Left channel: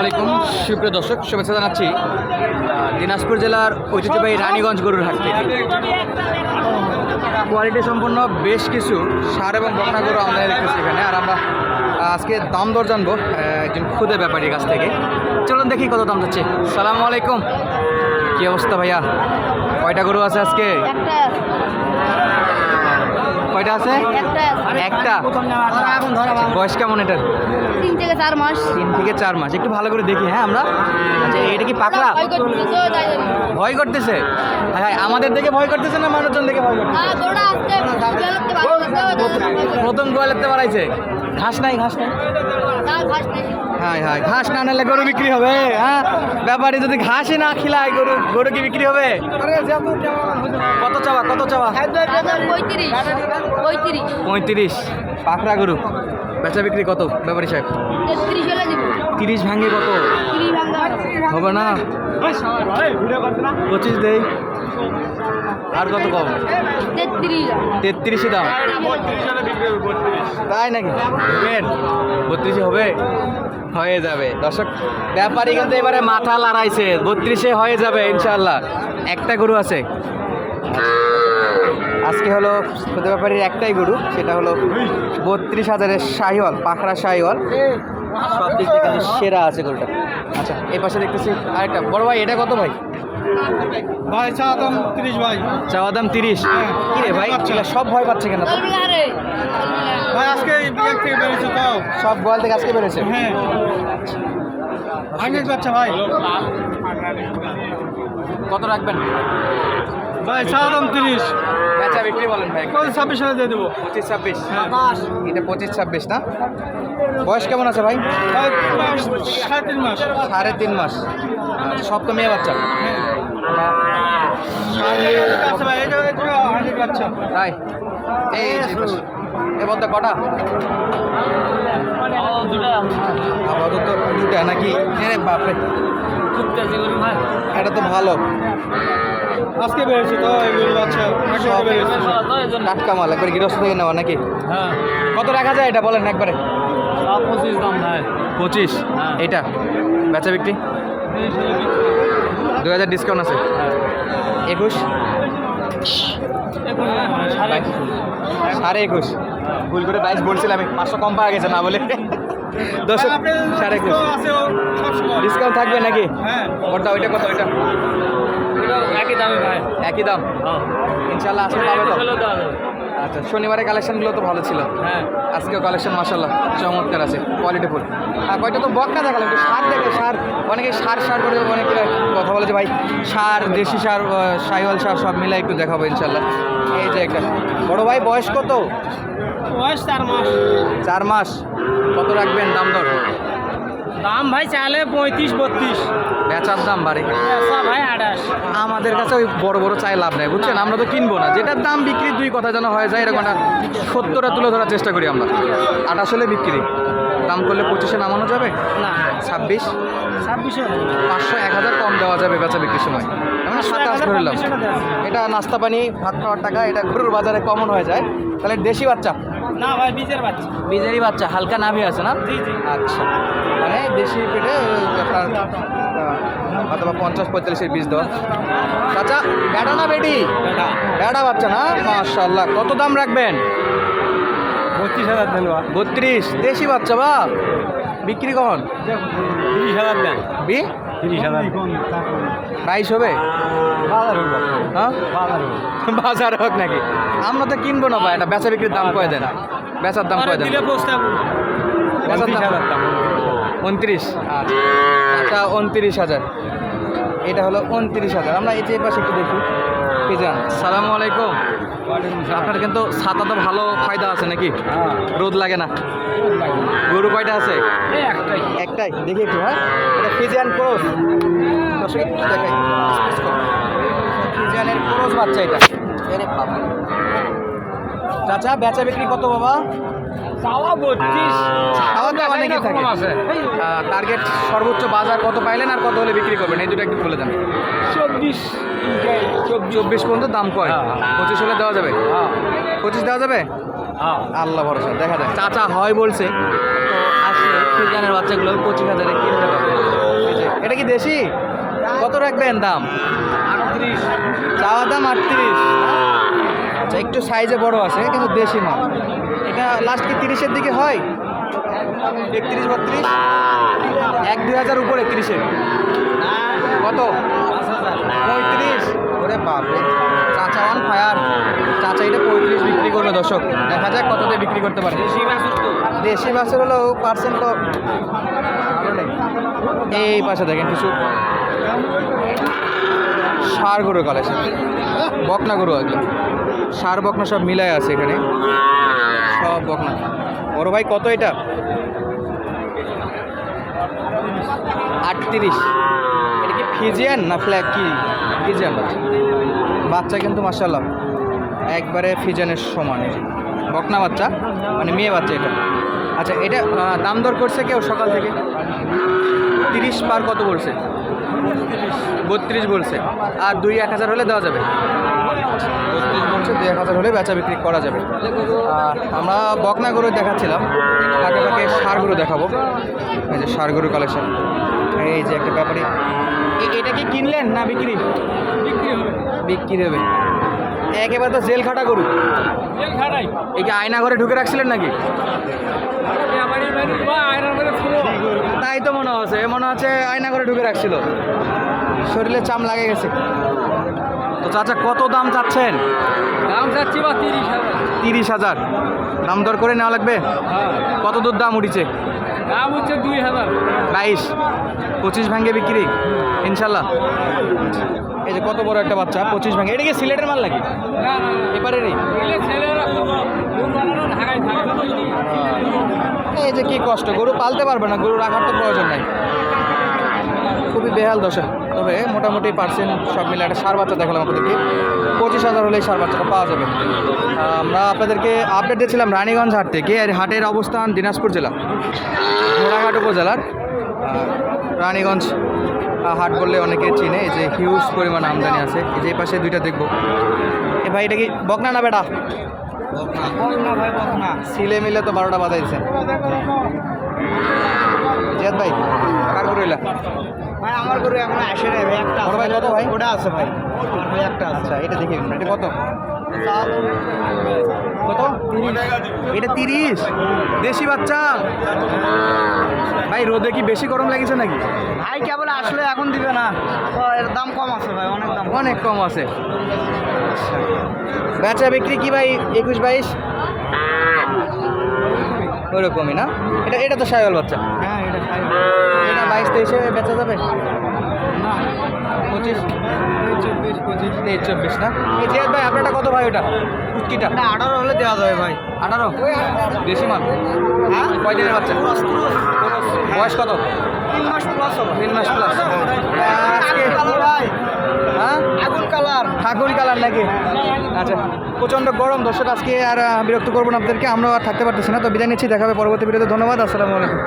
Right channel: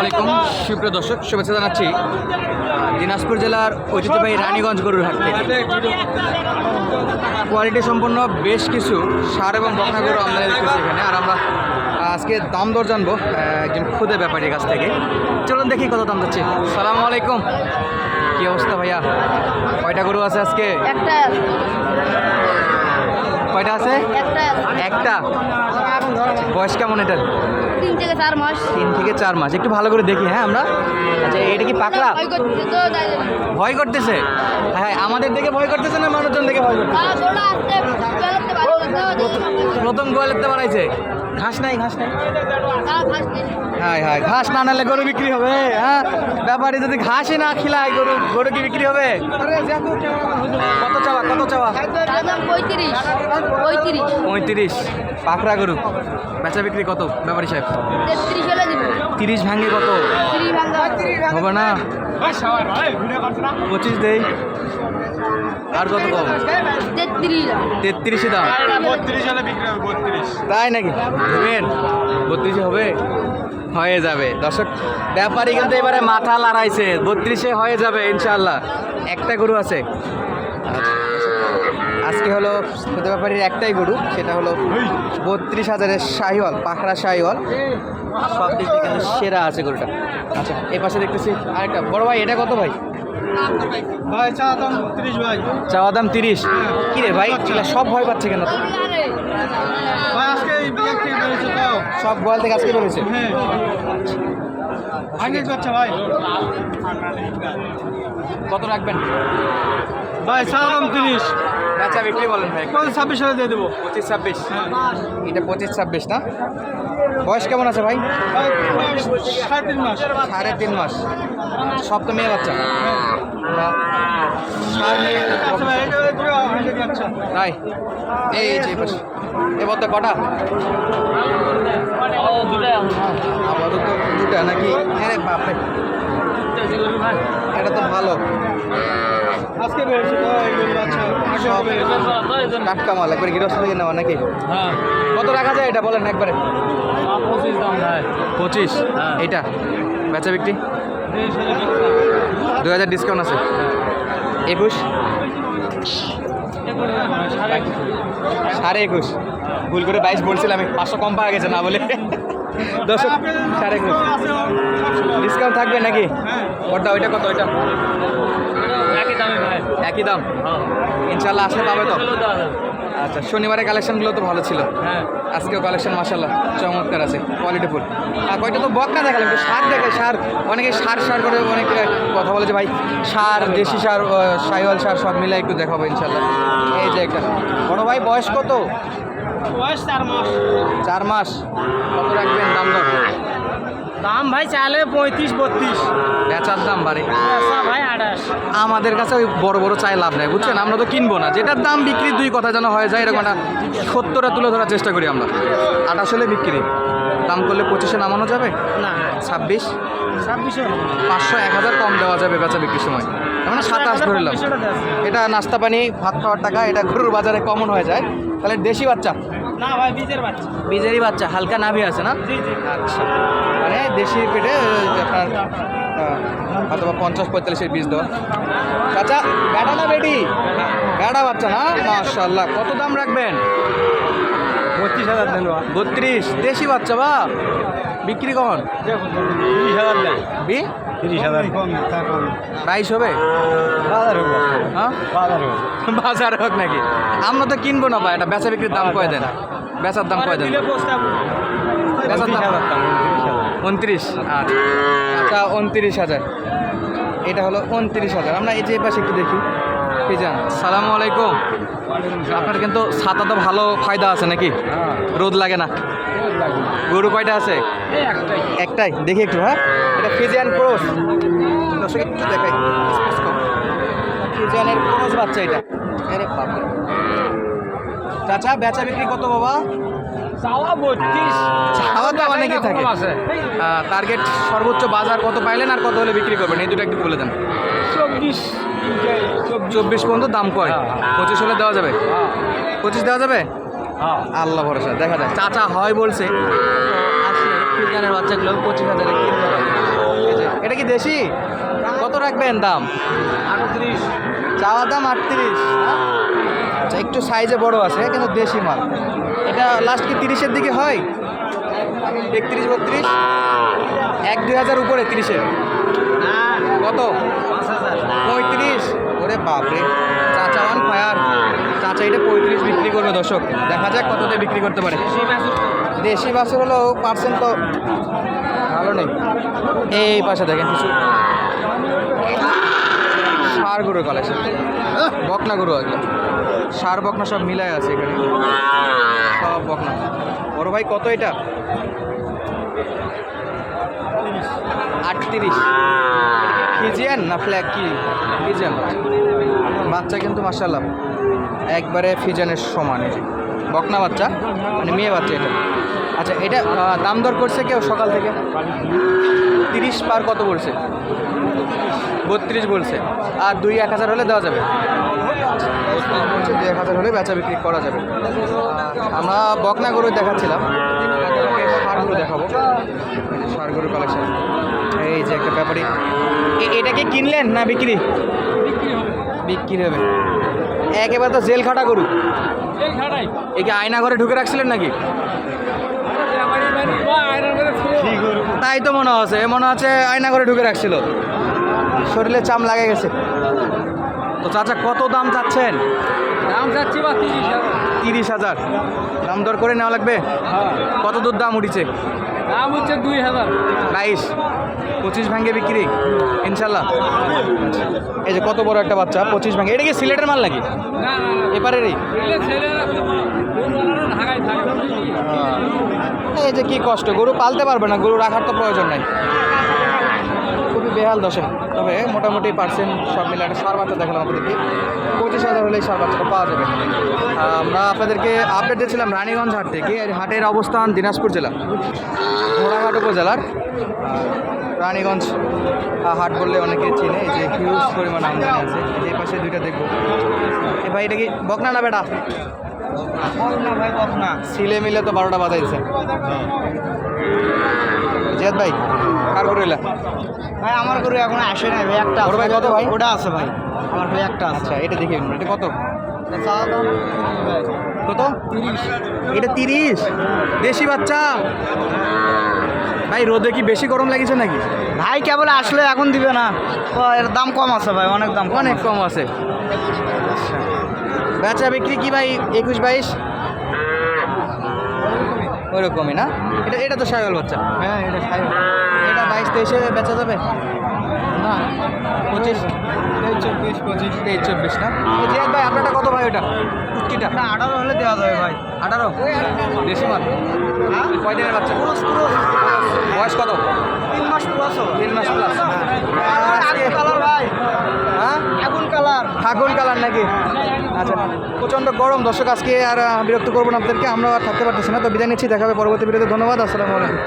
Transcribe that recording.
আলাইকুম। সুপ্রিয় দর্শক শুভেচ্ছা জানাচ্ছি দিনাজপুর জেলার ঐতিহ্যবাহী রানীগঞ্জ গরুর হাট থেকে। কোয়ালিটি সম্পন্ন বেশ কিছু সার এবং বকনা গরু আমদানি দেখতেছি এখানে আর আমরা আজকে দাম দর জানব একজন খুদে ব্যাপারীর কাছ থেকে। চলুন দেখি কত দাম যাচ্ছে। সালাম আলাইকুম। কি অবস্থা ভাইয়া? কয়টা গরু আছে আজকে? একটা কয়টা আছে। একটা? বয়স কেমন এটার? তিন থেকে চার মাস। তিন থেকে চার মাস। একটু ভালো করে দেখি হ্যাঁ আমরা? আচ্ছা এটা কি পাকড়া? ভয় করতেছে হ্যাঁ হ্যাঁ আমাদের দেখে ভয় করতেছে না মানুষজন দেখে ভয় করতেছে? জন্য। প্রথম গোয়ালেতে বাড়াইছে। ঘাস নাই ঘাস নাই। হ্যাঁ হ্যাঁ ঘাস না নালে গরু বিক্রি হবে হ্যাঁ? ব্যাপারে যদি ঘাসই না খিলায় গরু গরু কি বিক্রি হবে? কত চাওয়া কত চাওয়া? পঁয়ত্রিশ। পঁয়ত্রিশ পঁয়ত্রিশ পাখরা গরু বেচা বিক্রি কত ব্যাপারী সাহেব? তিরিশ ভাঙে কত? হবে না? পঁচিশ দেই। আর কত কম? তেত্রিশ। দাম। তাই নাকি? বত্রিশে হবে? হয়ে যাবে। দর্শক ব্যাপারী কিন্তু এবারে মাথা লড়াইছে। বত্রিশে হয়ে যাবে ইনশাল্লাহ একটা গরু আছে। আজকে হলো খুদে ব্যাপারীর একটাই গরু সেটা হলো বত্রিশ হাজারের শাহিওয়াল পাখরা শাহিওয়াল। সব দিক থেকে সেরা আছে গরুটা। আচ্ছা এই পাশে দেখতেছি আরেকটা। বড় ভাই এটা কত ভাই? ভাই চা দাম তিরিশ ভাই। চাওয়া দাম তিরিশ? কি রে ভাই সব ভয় পাচ্ছে কেন? তো ভাই আজকে সব গোয়াল থেকে আজকে বেরোছে হ্যাঁ। আগে বাচ্চা ভাই। কত রাখবেন? ভাই চা দাম তিরিশ। বেচা বিক্রি বলেন ভাই ছাব্বিশ হাজার দিয়ে দেবো। পঁচিশ ছাব্বিশ? এটা পঁচিশ ছাব্বিশ না? বয়স কেমন আছে ভাই? সাড়ে তিন মাস। সাড়ে তিন মাস। সব তো মেয়ে বাচ্চা? আচ্ছা এটা তাই এই যে এই পাশে। কটা? আপাতত দুটা নাকি? হ্যাঁ বাপরে। এটা তো ভালো। আজকে বেরিয়েছে তো এগুলো সব টাটকা মাল একবার গৃহস্থ থেকে নেওয়া নাকি? হ্যাঁ। কত রাখা যায় এটা বলেন একবারে? পঁচিশ দাম ভাই। পঁচিশ? হ্যাঁ। এইটা? বেচা বিক্রি। দু হাজার ডিসকাউন্ট আছে। একুশ। সাড়ে একুশ। ভুল করে বাইশ বলছিলাম আমি পাঁচশো কম পাওয়া গেছে না বলে। দশ সাড়ে একুশ। ডিসকাউন্ট থাকবে নাকি? ওটা ওইটা কত? ওইটা? একই দামে ভাই। একই দাম? হ্যাঁ। ইনশাল্লাহ আসলে পাবে তো? আচ্ছা শনিবারের কালেকশনগুলো তো ভালো ছিল। হ্যাঁ। আজকেও কালেকশন মাসাল্লাহ চমৎকার আছে কোয়ালিটি ফুল আর কয়টা তো বকনা দেখালাম সার দেখে সার। অনেকে সার সার করে অনেকে কথা বলে যে ভাই সার দেশি সার সাইওয়াল সার সব মিলে একটু দেখাবো ইনশাল্লাহ এই যে একটা। বড় ভাই বয়স কত? বয়স চার মাস। চার মাস। কত রাখবেন দাম দর? দাম ভাই চালে পঁয়ত্রিশ বত্রিশ। বেচার দাম বাড়ে। ভাই আঠাশ। আমাদের কাছে ওই বড় বড় চাই লাভ নেই বুঝছেন? আমরা তো কিনবো না। যেটার দাম বিক্রি দুই কথা যেন হয়ে যায় এরকম একটা সত্তরটা তুলে ধরার চেষ্টা করি আমরা। আঠাশ হলে বিক্রি। দাম করলে পঁচিশে নামানো যাবে? না। ছাব্বিশ? ছাব্বিশে পাঁচশো এক হাজার কম দেওয়া যাবে বেচা বিক্রির সময়। মানে সাতাশ ধরলাম। এটা নাস্তা পানি ভাত খাওয়ার টাকা এটা গরুর বাজারে কমন হয়ে যায়। তাহলে দেশি বাচ্চা? না ভাই বীজের বাচ্চা। বীজেরই বাচ্চা হালকা নাভি আছে না? আচ্ছা। মানে দেশি পেটে আপনার আহ, হয়তো বা পঞ্চাশ পঁয়তাল্লিশের বীজ দেওয়া। চাচা বেটা না বেটি বেটা বাচ্চা না? মাশাল্লাহ কত দাম রাখবেন? বত্রিশ হাজার দেন বা বত্রিশ দেশি বাচ্চা বা? বিক্রি কখন? তিরিশ হাজার দেন। বি? তিরিশ হাজার বাইশ হবে? বাজার হোক হ্যাঁ? বাজার হোক। বাজার হোক নাকি? আমরা তো কিনবো না ভাই এটা বেচা বিক্রির দাম কয় দেন? বেচার দাম কয় দেন? বেচার দাম। উনত্রিশ আর আচ্ছা উনত্রিশ হাজার। এটা হলো উনত্রিশ হাজার। আমরা এই যে পাশে একটু দেখি। ফিজান সালামু আলাইকুম। আপনার কিন্তু ছাতা তো ভালো ফায়দা আছে নাকি? হ্যাঁ। রোদ লাগে না? গরু কয়টা আছে? একটাই। একটাই। দেখি একটু হ্যাঁ। এটা ফিজিয়ান ক্রস। দর্শক একটু দেখাই। ফিজিয়ানের ক্রস বাচ্চা এটা। আরে বাবা চাচা বেচা বিক্রি কত বাবা? চাওয়া বত্রিশ। আছে টার্গেট সর্বোচ্চ বাজার কত পাইলেন আর কত হলে বিক্রি করবেন? এই দুটো একটু বলে দেন। চব্বিশ চব্বিশ। পর্যন্ত দাম কয়? হ্যাঁ, হ্যাঁ। পঁচিশ হলে দেওয়া যাবে? পঁচিশ দেওয়া যাবে? হ্যাঁ। আল্লাহ ভরসা। দেখা যায় চাচা হয় বলছে। তো আসলে ফ্রিজানের বাচ্চাগুলো পঁচিশ হাজারে কিনতে পারবে এটা কি দেশি? কত রাখবেন দাম? আটত্রিশ। চাওয়া দাম আটত্রিশ। আচ্ছা একটু সাইজে বড় আছে কিন্তু দেশি মাল। এটা লাস্ট কি তিরিশের দিকে হয়? একত্রিশ, বত্রিশ? এক, দুই হাজার উপরে তিরিশের না কত? পঁয়ত্রিশ। ওরে বাপরে। চাচা ওয়ান ফায়ার চাচা এটা পঁয়ত্রিশ বিক্রি করবে, দর্শক। দেখা যাক কততে বিক্রি করতে পারে। দেশি বাসের হলো পার্সেন্ট তো ভালো নেই। এই পাশে দেখেন কিছু। সার গরুর কালেকশন বকনা গরু একদম সার, বকনা সব মিলায় আছে এখানে। বকনা। বড় ভাই, কত এটা? আটত্রিশ। ফিজিয়ান না ফ্ল্যাগ কি? ফিজিয়ান বাচ্চা। কিন্তু মার্শাল্লাহ একবারে ফিজানের সমান এই বকনা বাচ্চা মানে মেয়ে বাচ্চা এটা। আচ্ছা এটা দাম দর করছে কেউ সকাল থেকে? তিরিশ পার কত বলছে? বত্রিশ বলছে। আর দুই এক হাজার হলে দেওয়া যাবে? বত্রিশ বলছে এক হাজার হলে বেচা বিক্রি করা যাবে। আর আমরা বকনা গরু দেখাচ্ছিলাম। ফাঁকে সার গরু দেখাবো। এই যে সার গরু কালেকশন এই যে একটা ব্যাপারই এ- এটাকে কিনলেন না বিক্রি? বিক্রি হবে। একেবারে তো জেল খাটা গরু। এই খাটাই। এই কি আয়না ঘরে ঢুকে রাখছিলেন নাকি? ব্যাপারি তাই তো মনে হচ্ছে। মনে হচ্ছে আয়না ঘরে ঢুকে রাখছিল। শরীরে চাম লাগে গেছে। তো চাচা কত দাম চাচ্ছেন? দাম যাচ্ছি বা তিরিশ হাজার। তিরিশ হাজার। দাম দর করে নেওয়া লাগবে? হ্যাঁ। কত দূর দাম উঠেছে? দাম হচ্ছে দুই হাজার। বাইশ। পঁচিশ ভাঙ্গে বিক্রি? ইনশাল্লাহ। এই যে কত বড় একটা বাচ্চা পঁচিশ ভাঙ্গে। এটা কি সিলেটের মাল নাকি? বুঝলি এই যে কি কষ্ট গরু পালতে পারবে না গরু রাখার তো প্রয়োজন নাই। খুবই বেহাল দশা। তবে মোটামুটি পার্সেন্ট সব মিলে একটা সার বাচ্চা দেখালাম আপনাদেরকে। পঁচিশ হাজার হলেই সার বাচ্চাটা পাওয়া যাবে। আমরা আপনাদেরকে আপডেট দিয়েছিলাম রানীগঞ্জ হাট থেকে। এর হাটের অবস্থান দিনাজপুর জেলা। ঘোড়াঘাট উপজেলার রানীগঞ্জ হাট বললে অনেকে চিনে। এই যে হিউজ পরিমাণ আমদানি আছে। যে পাশে দুইটা দেখব। এ ভাই, এটা কি বকনা না বেটা সিলে মিলে তো বারোটা বাজাই দিছে জিয়াদ ভাই কার গরু এলা? আমার গরু এখন আসে ভাই একটা বড় ভাই কত ভাই? ওটা আছে ভাই আমার ভাই একটা আচ্ছা এটা দেখি এটা কত? কত? এটা তিরিশ। বেশি বাচ্চা? ভাই রোদে কি বেশি গরম লাগিছে নাকি? ভাই কেবল আসলে এখন দিবে না। এর দাম কম আছে ভাই অনেক দাম অনেক কম আছে। আচ্ছা। বেচা বিক্রি কি ভাই একুশ বাইশ? ওইরকমই না? এটা এটা তো সাইকেল বাচ্চা। হ্যাঁ এটা এটা বাইশ তেইশে বেচা যাবে? পঁচিশ? চব্বিশ পঁচিশ তেইশ চব্বিশ না? ভাই আপনারটা কত ভাই ওটা? কুচকিটা না আঠারো হলে দেওয়া যাবে ভাই। আঠারো? দেশি মাল? হ্যাঁ? কয় দিনের বাচ্চা? ক্রস ক্রস বয়স কত? তিন মাস প্লাস হবে। তিন মাস প্লাস আজকে? কালার ভাই। হ্যাঁ? আগুন কালার। আগুন কালার নাকি? আচ্ছা প্রচণ্ড গরম। দর্শক আজকে আর বিরক্ত করব না আপনাদেরকে। আমরা আর থাকতে পারতেছি না। তো বিদায় নিচ্ছি দেখাবে পরবর্তী ভিডিওতে। ধন্যবাদ আসসালামু আলাইকুম।